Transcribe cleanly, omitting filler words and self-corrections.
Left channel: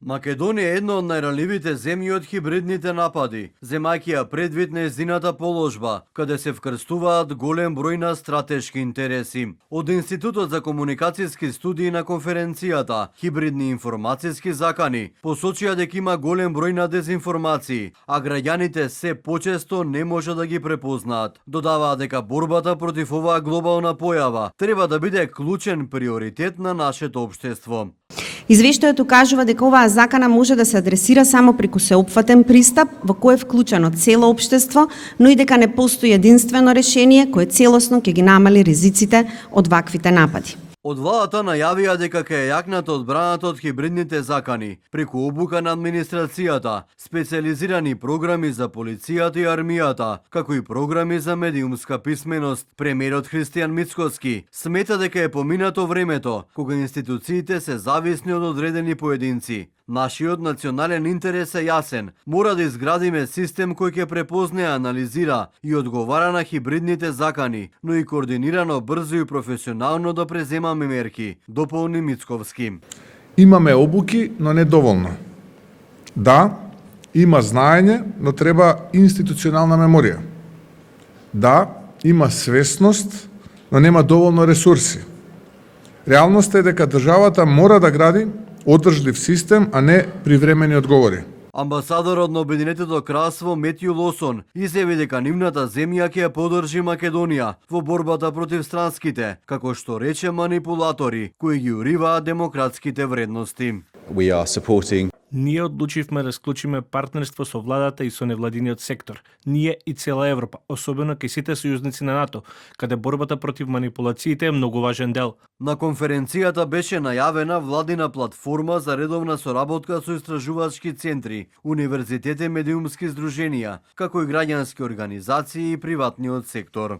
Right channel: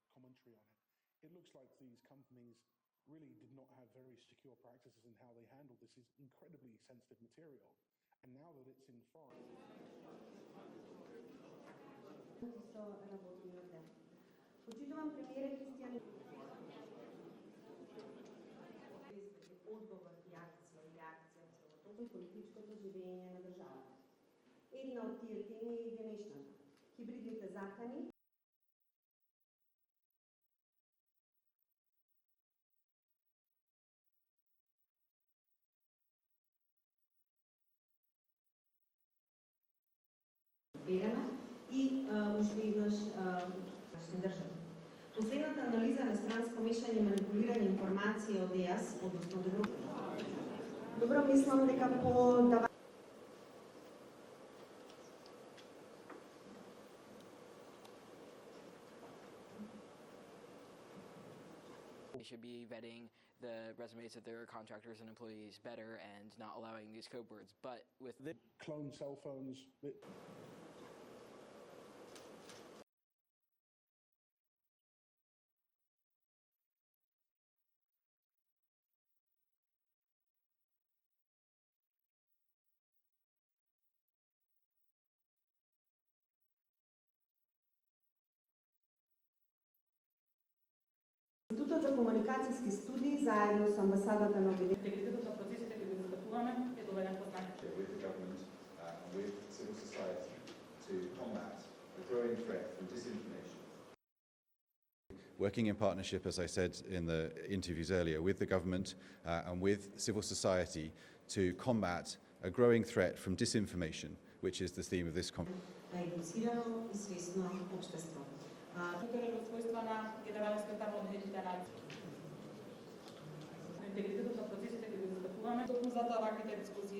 Македонија е една од најранливите земји од хибридните напади, земајќи ја предвид нејзината положба, каде се вкрстуваат голем број на стратешки интереси. Од Институтот за комуникацијски студии на конференцијата Хибридни информацијски закани посочија дека има голем број на дезинформации, а граѓаните се почесто не може да ги препознаат. Додаваа дека борбата против оваа глобална појава треба да биде клучен приоритет на нашето општество. Извештајето кажува дека оваа закана може да се адресира само преку сеопфатен пристап во кој е вклучено цело општество, но и дека не постои единствено решение кое целосно ќе ги намали ризиците од ваквите напади. Од владата најавија дека ќе јакнат одбраната од хибридните закани, преку обука на администрацијата, специализирани програми за полицијата и армијата, како и програми за медиумска писменост. Премиерот Христијан Мицкоски смета дека е поминато времето кога институциите се зависни од одредени поединци. Нашиот национален интерес е јасен. Мора да изградиме систем кој ќе препознае, анализира и одговара на хибридните закани, но и координирано, брзо и професионално да преземаме мерки, дополни Мицковски. Имаме обуки, но не доволно. Да, има знаење, но треба институционална меморија. Да, има свесност, но нема доволно ресурси. Реалноста е дека државата мора да гради одржлив систем, а не привремени одговори. Амбасадорот на Обединетото кралство Метју Лосон изјави дека нивната земја ќе ја поддржи Македонија во борбата против странските, како што рече манипулатори кои ги уриваат демократските вредности. Ние одлучивме да склучиме партнерство со владата и со невладиниот сектор. Ние и цела Европа, особено кај сите сојузници на НАТО, каде борбата против манипулациите е многу важен дел. На конференцијата беше најавена владина платформа за редовна соработка со истражувачки центри, универзитети, медиумски здруженија, како и граѓански организации и приватниот сектор.